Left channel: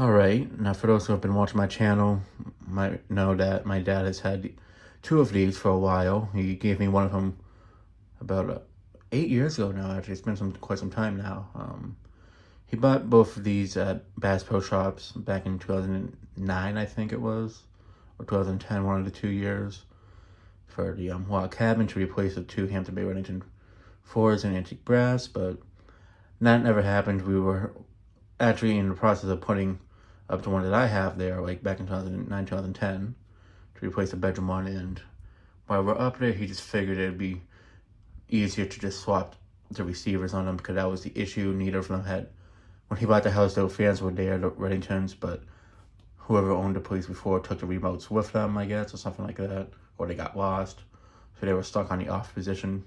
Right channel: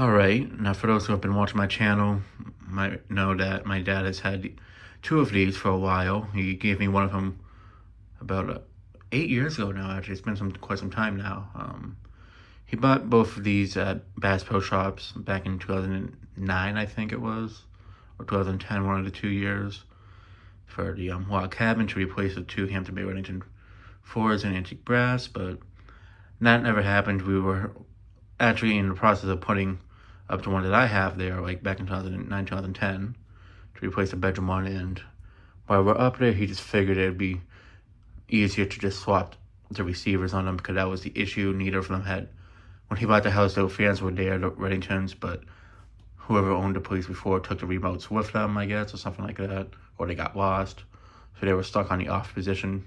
Alright, now for those who have been watching my channel, might know that my dad has had two of these for a while. He gave me one of them about 8 years ago now, actually. It's been quite some time now. He bought both of these at Bass Pro Shops back in 2009, I think it was, or 2010, one of the 2 years, for the log cabin to replace the two Hampton Bay Reddington 4s in antique brass, but that never happened. We were actually in the process of putting up the one that I have there, like back in 2009, 2010, to replace the bedroom one, and while we're up there, he just figured it'd be easier to just swap the receivers on them, because that was the issue. Neither of them had, when he bought the house, the fans were there, the Reddingtons, but whoever owned the place before took the remotes with them, I guess, or something like that, or they got lost, so they were stuck on the off position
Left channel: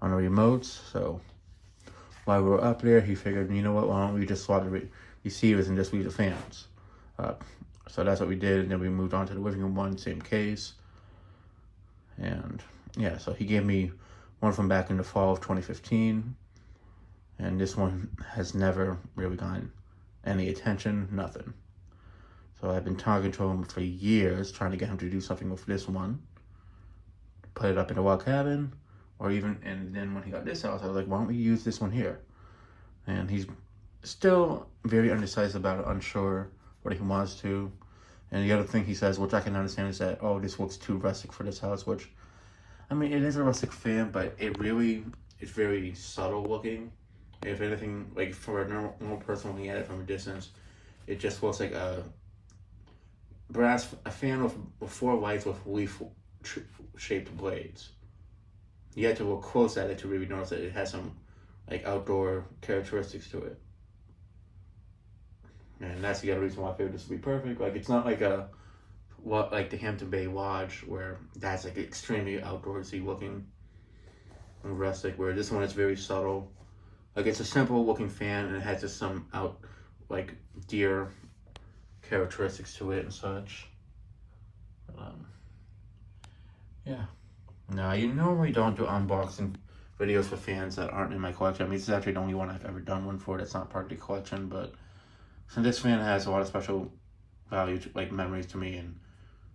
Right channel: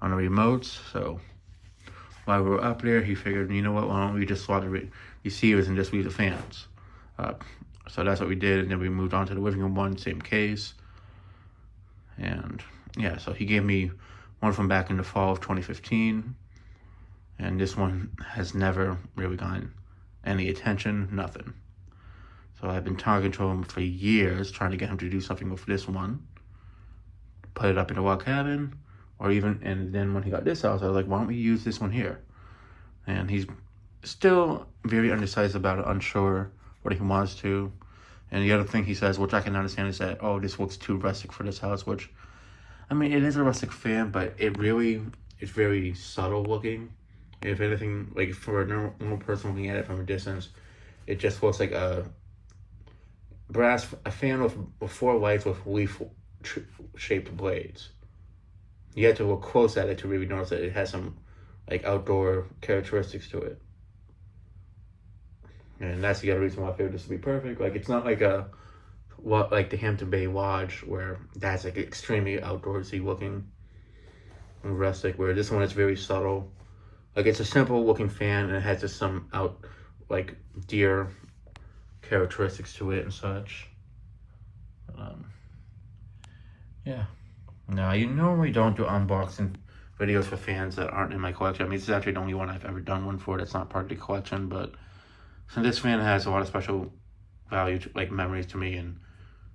on the remotes. So while we were up there, he figured, you know what, why don't we just swap the receivers and just leave the fans. So that's what we did, and then we moved on to the living room one, same case. And yeah, so he gave me one from back in the fall of 2015, and this one has never really gotten any attention, nothing. So I've been talking to him for years, trying to get him to do something with this one, put it up in the log cabin, or even, and then when he got this house, I was like, why don't we use this one here? And he's still very undecided about it, unsure what he wants to. And the other thing he says, which I can understand, is that, oh, this looks too rustic for this house, which, I mean, it is a rustic fan, but it really is very subtle looking. If anything, like for a normal person looking at it from a distance, it just looks like a fan with four lights with leaf-shaped blades. You have to look close at it to really notice that it has some like outdoor characteristics to it. And that's the other reason why I figured this would be perfect. Like, it's not like like the Hampton Bay Lodge, where that's like extremely outdoorsy looking and rustic, where this one is very subtle. Like, it's a simple looking fan, and it has just some like deer characteristics to it and such. Yeah. Now, you normally don't do unboxing videos for fans that aren't in my collection. I mean, this is actually the only one I've ever done one for that's not part of the collection, but since this fan has a lot of special value, like memories to me and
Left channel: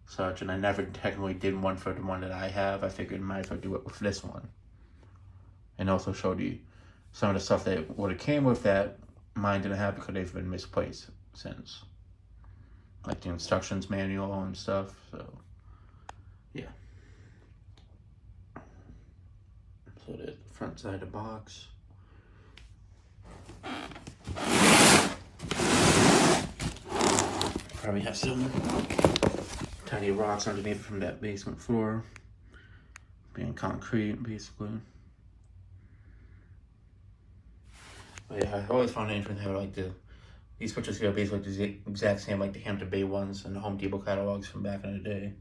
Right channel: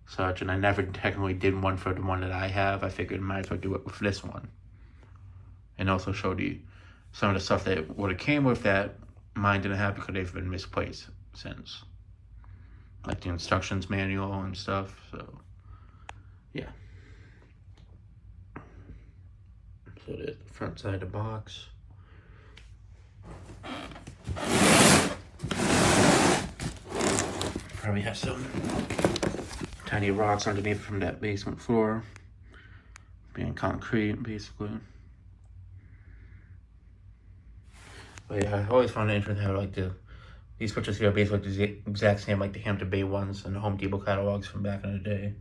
such, and I never technically did one for the one that I have, I figured I might as well do it with this one. And also show some of the stuff that would have came with that mine didn't have, because they've been misplaced since. Like the instructions manual and stuff, so yeah. So there's the front side of the box. Probably has some tiny rocks underneath from that basement floor, being concrete basically. But yeah, I always found it interesting how like these pictures here are basically the exact same like the Hampton Bay ones and the Home Depot catalogs from back in the day.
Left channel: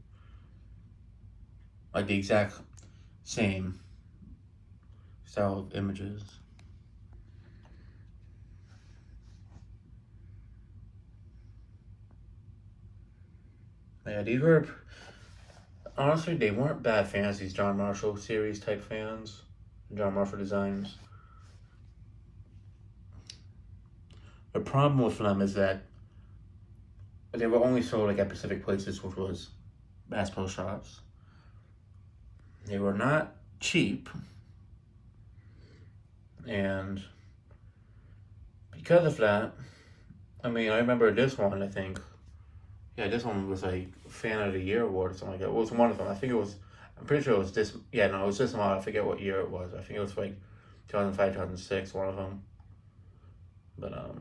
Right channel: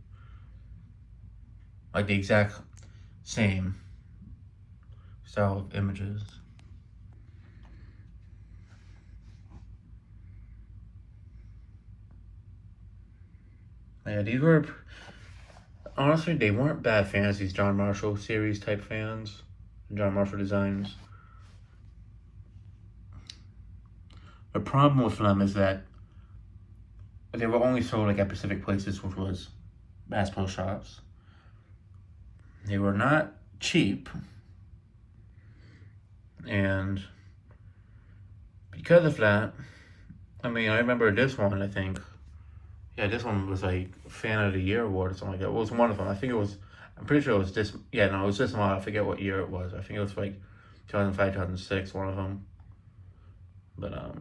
Like the exact same style of images. Yeah, these were, honestly, they weren't bad fans, these John Marshall series type fans, John Marshall designs. The problem with them is that they were only sold like at Pacific Places, which was Bass Pro Shops. They were not cheap, and because of that, I mean, I remember this one, I think, yeah, this one was like Fan of the Year award or something like that. It was one of them. I think it was, I'm pretty sure it was this, yeah, no, it was this one. I forget what year it was. I think it was like 2005, 2006, one of them. But,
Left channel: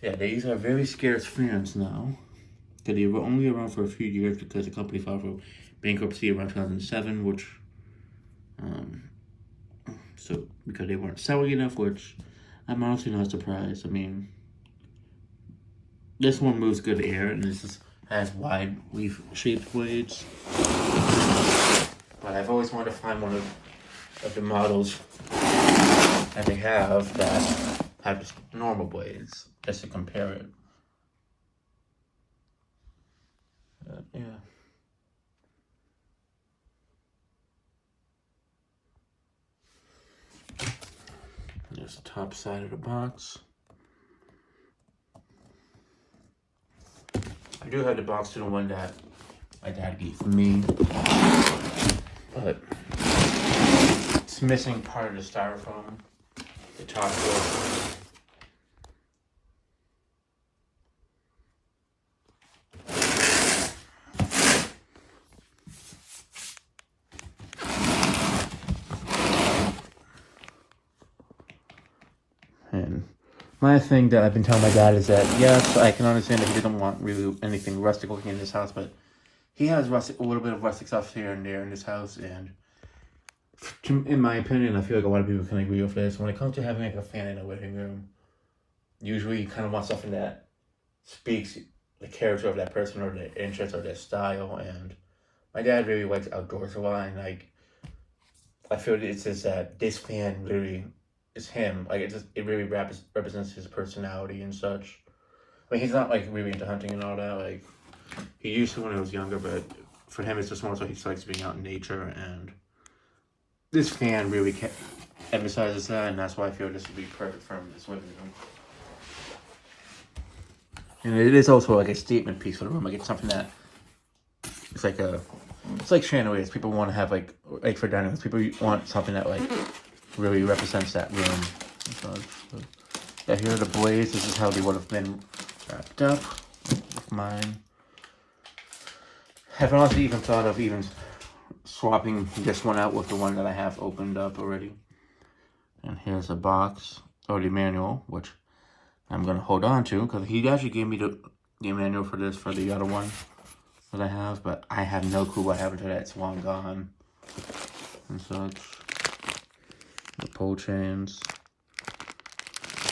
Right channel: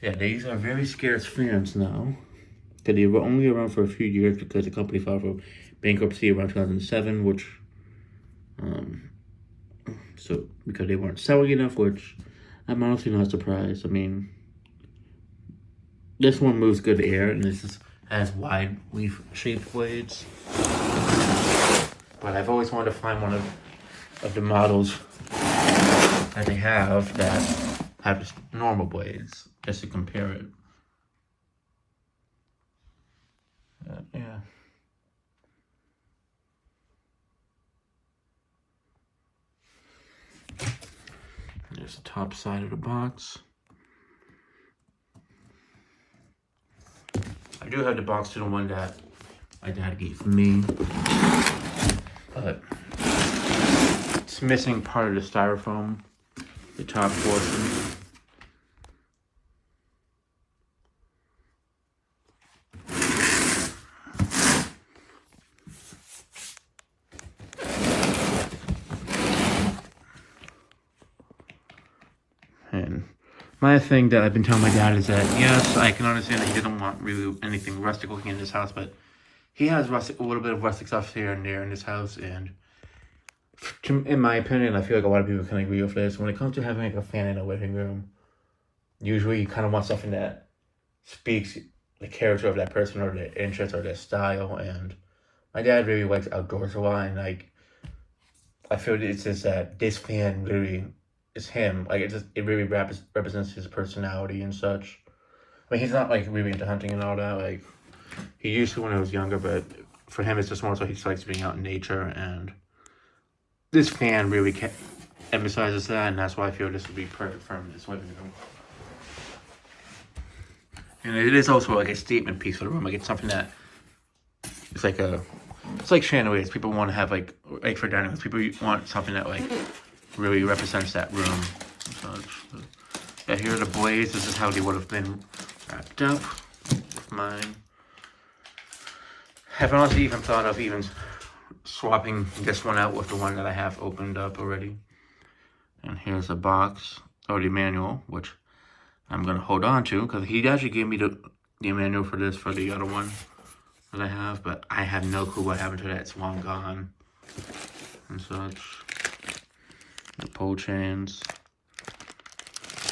yeah, these are very scarce fans now. Because they were only around for a few years, because the company filed for bankruptcy around 2007, which, so, because they weren't selling enough, which I'm honestly not surprised. I mean, this one moves good air, and this has wide leaf-shaped blades. But I've always wanted to find one of the models that they have that have normal blades, just to compare it. Yeah. There's the top side of the box. do have the box to the one that my dad gave me, but it's missing part of the styrofoam, the top portion. And my thing that I've been telling my dad is that, yes, I can understand that he doesn't want really anything rustic looking in this house, but he has a little bit of rustic stuff here and there in this house, and in my opinion, I feel like a lot of people can agree with this. When it comes to having like a fan in a living room, usually you kind of want something that speaks the character of that person or their interest or their style, and my dad really likes outdoors a lot, and like, I feel it's just that this fan really is him. Like, it really represents his personality and such. I mean, he's not like really into hunting and all that. Like, he used to when he was younger, but for him, it's just more so he likes being out in nature. And this fan really emphasizes that, and that's why I feel this would be perfect for him in this living room. And it is also like a statement piece for the room. Like, it's something that it's like chandeliers. People want to have like for dining rooms. People want something that like really represents that room. So, yeah, here are the blades. This is how they would have been wrapped up with mine. Haven't also even thought of even swapping this one out with the one that I have opened up already. And here's a box, or the manual, which I'm gonna hold on to because he actually gave me the manual for this for the other one that I have, but I have no clue what happened to that. It's long gone and such. The pole chains,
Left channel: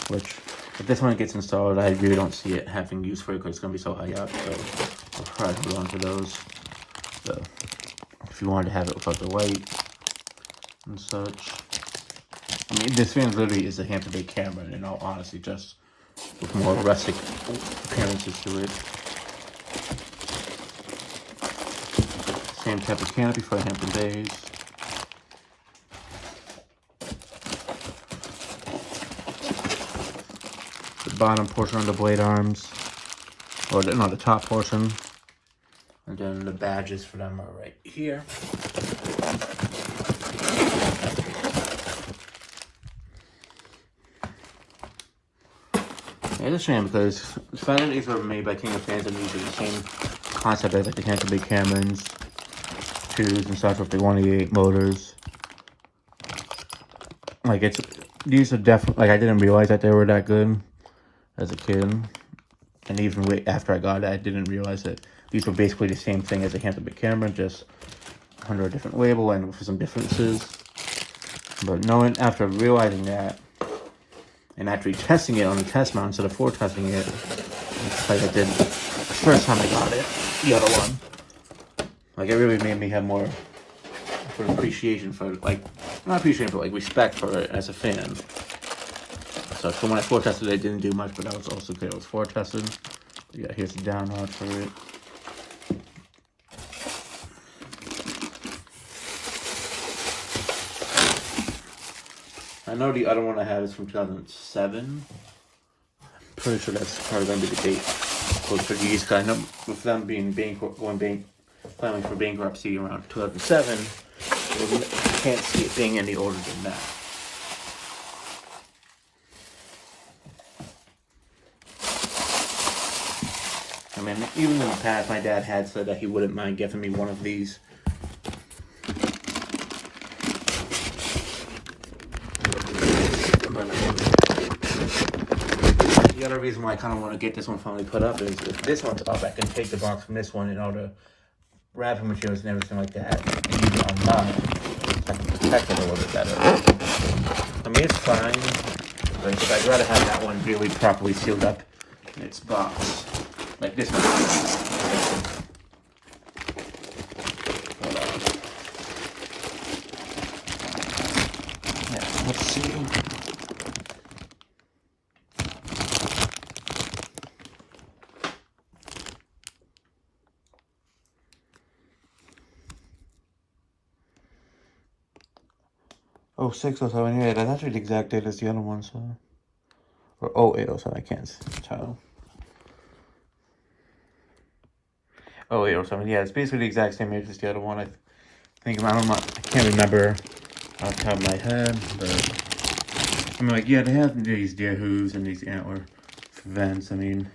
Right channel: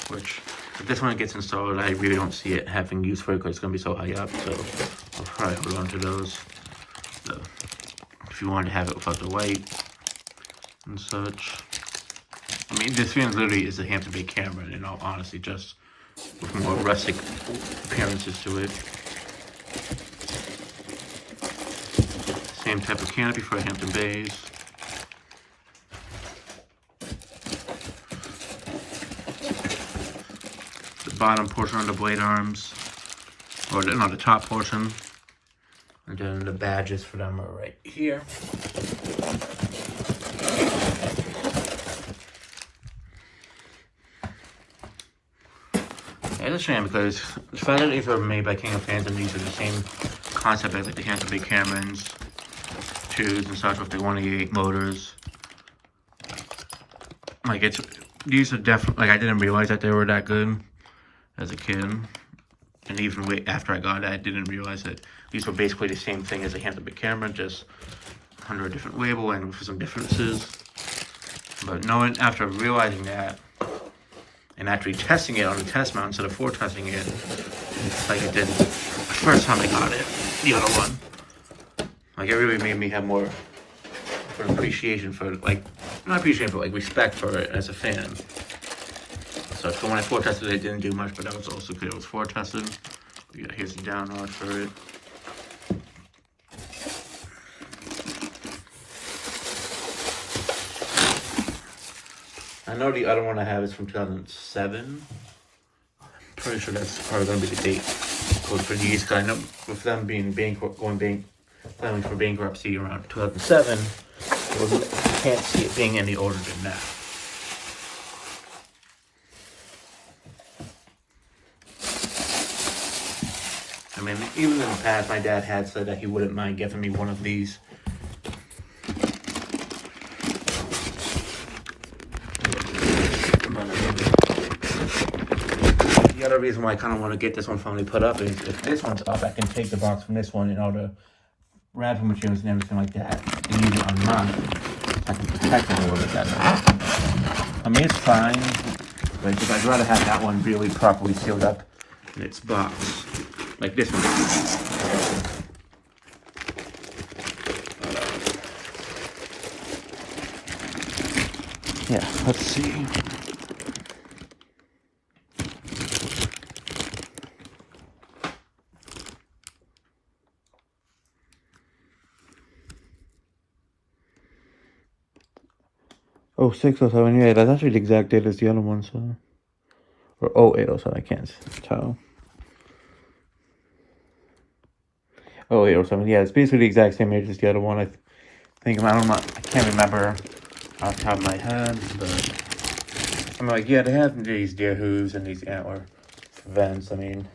which if this one gets installed, I really don't see it having use for it because it's gonna be so high up. So I'll probably hold on to those. So if you wanted to have it without the light and such. I mean, this fan literally is a Hampton Bay camera, in all honesty, just with more rustic appearances to it. Same type of canopy for Hampton Bays. The bottom portion of the blade arms, or the top portion, and then the badges for them are right here. It's a shame because the fact that these were made by King of Fans and these are the same concept as like the Hampton Bay Camerons 2s and such with the 188 motors. Like, these are definitely, like, I didn't realize that they were that good as a kid. And even way after I got it, I didn't realize that these were basically the same thing as a Hampton Bay Cameron, just under a different label and with some differences. But after realizing that, and actually testing it on a test mount instead of floor testing it, it's like I did the first time I got it, the other one. Like, it really made me have more appreciation for it, like, not appreciation, but like respect for it as a fan. So when I floor tested it, it didn't do much, but that was also because it was floor tested. Yeah, here's the download for it. I know the other one I have is from 2007. Pretty sure that's probably going to be the date for these kind of, with them filing for bankruptcy around 2007. I can't see it being any older than that. I mean, even in the past, my dad had said that he wouldn't mind giving me one of these. The other reason why I kind of want to get this one finally put up is if this one's up, I can take the box from this one and all the wrapping materials and everything like that and use it on mine. I can protect it a little bit better. I mean, it's fine, but I'd rather have that one really properly sealed up in its box, like this one. Yeah, let's see. Oh, 607, yeah, that's actually the exact date as the other one, so. Or 0807, I can't tell. 08 or something. Yeah, it's basically the exact same age as the other one. I think, I don't know, I can't remember off the top of my head, but I'm like, yeah, they have these deer hooves and these antler vents, I mean,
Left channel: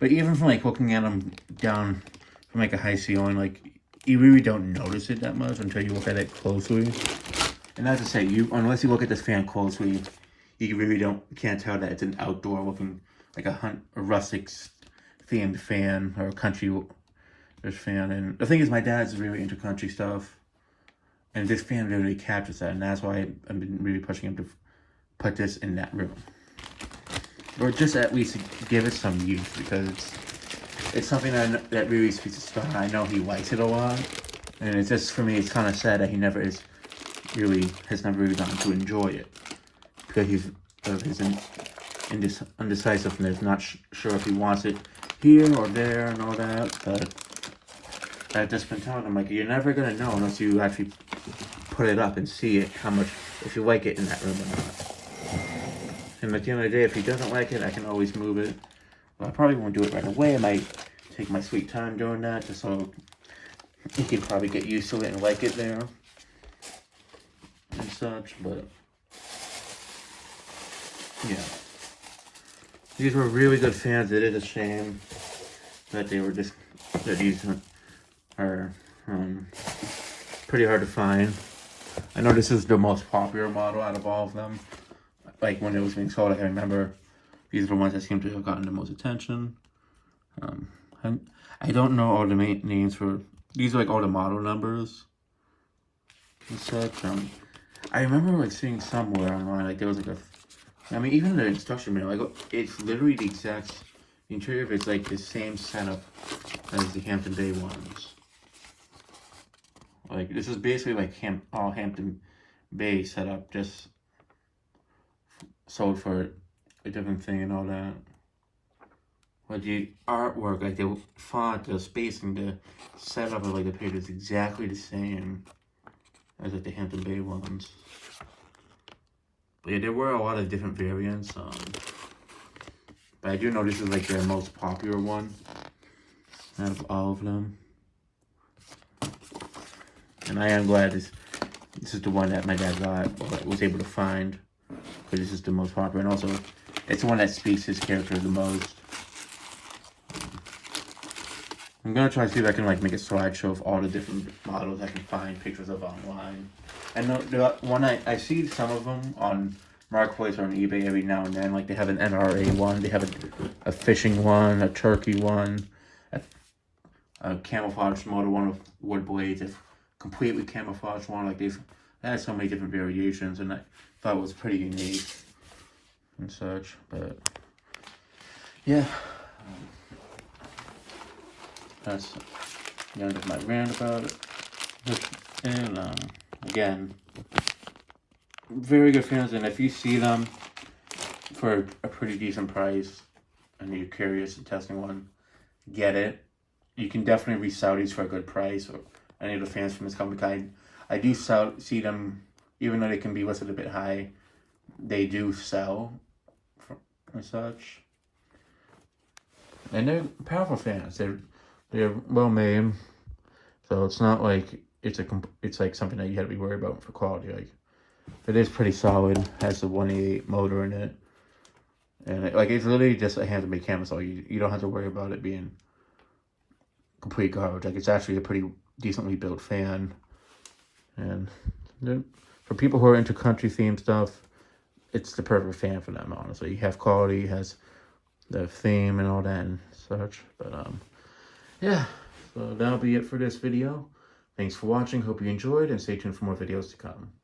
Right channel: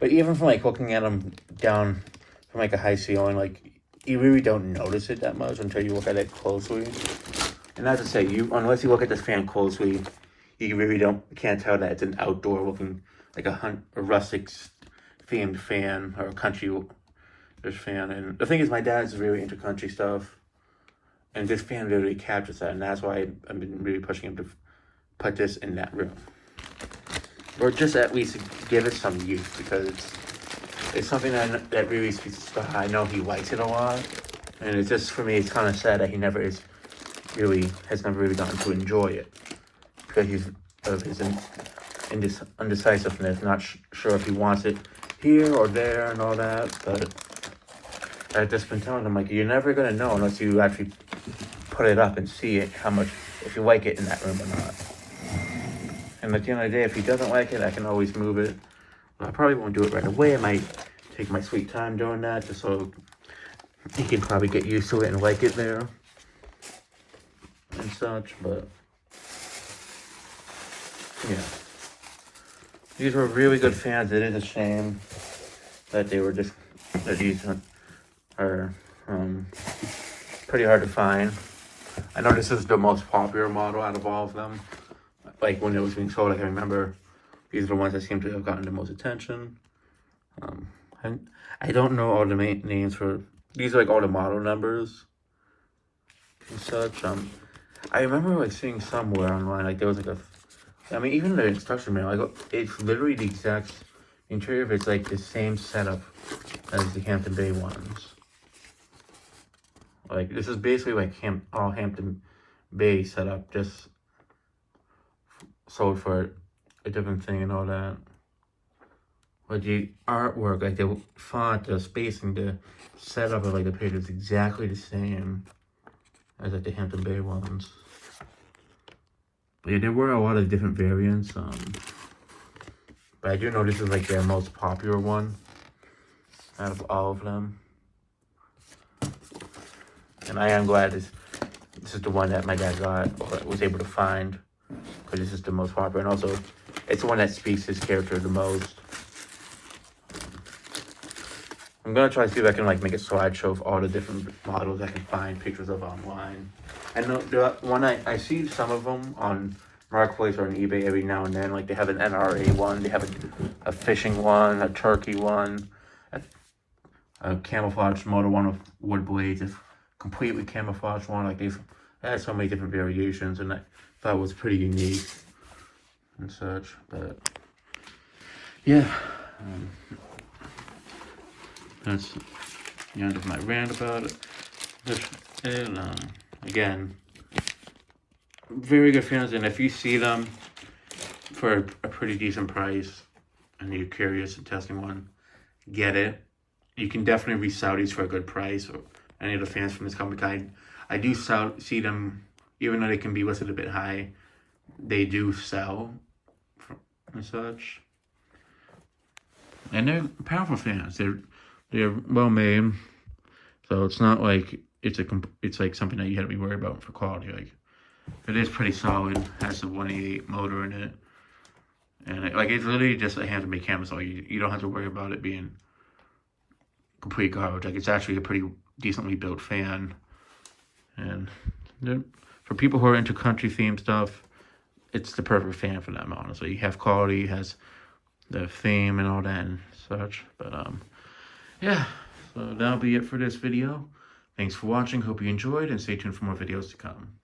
but even from like looking at them down from like a high ceiling, like, you really don't notice it that much until you look at it closely. And as I say, unless you look at this fan closely, you really can't tell that it's an outdoor looking, like a rustic themed fan or a country fan. And the thing is, my dad's really into country stuff, and this fan really captures that, and that's why I've been really pushing him to put this in that room, or just at least give it some use, because it's something that really speaks to Scott. I know he likes it a lot, and it's just, for me, it's kind of sad that he has never really gotten to enjoy it, because he's of his undecisiveness, not sure if he wants it here or there and all that. But I've just been telling him, like, you're never gonna know unless you actually put it up and see it, how much, if you like it in that room or not. And at the end of the day, if he doesn't like it, I can always move it. Well, I probably won't do it right away. I might take my sweet time doing that, just so he can probably get used to it and like it there and such. But yeah, these were really good fans. It is a shame that they're decent, or pretty hard to find. I know this is the most popular model out of all of them. Like, when it was being sold, I can remember these are the ones that seem to have gotten the most attention. And I don't know all the names for these, are like all the model numbers and such. I remember like seeing somewhere online, like there was like I mean, even the instruction manual, like, it's literally the exact interior, but it's like the same setup as the Hampton Bay ones. Like, this is basically like all Hampton Bay setup, just sold for a different thing and all that. But the artwork, like the font, the spacing, the setup of like the page is exactly the same as like the Hampton Bay ones. But yeah, there were a lot of different variants. But I do know this is like their most popular one out of all of them. And I am glad this is the one that my dad was able to find, because this is the most popular, and also it's the one that speaks his character the most. I'm gonna try to see if I can like make a slideshow of all the different models I can find pictures of online. And the one I see some of them on Marketplace or on eBay every now and then. Like, they have an NRA one, they have a fishing one, a turkey one, a camouflage motor one with wood blades, a completely camouflaged one. Like, they had so many different variations, and I thought it was pretty unique and such. But yeah, that's the end of my rant about it. And again, very good fans, and if you see them for a pretty decent price and you're curious and testing one, get it. You can definitely resell these for a good price, or any of the fans from this company. I do see them, even though they can be listed a bit high, they do sell and such. And they're powerful fans. They're well made, so it's not like it's like something that you had to be worried about for quality. Like, it is pretty solid. Has the 188 motor in it, and it's literally just a Hampton Bay camera, so you don't have to worry about it being complete garbage. Like, it's actually a pretty decently built fan, and for people who are into country themed stuff, it's the perfect fan for them. Honestly, you have quality, it has the theme and all that and such. But yeah, so that'll be it for this video. Thanks for watching. Hope you enjoyed, and stay tuned for more videos to come.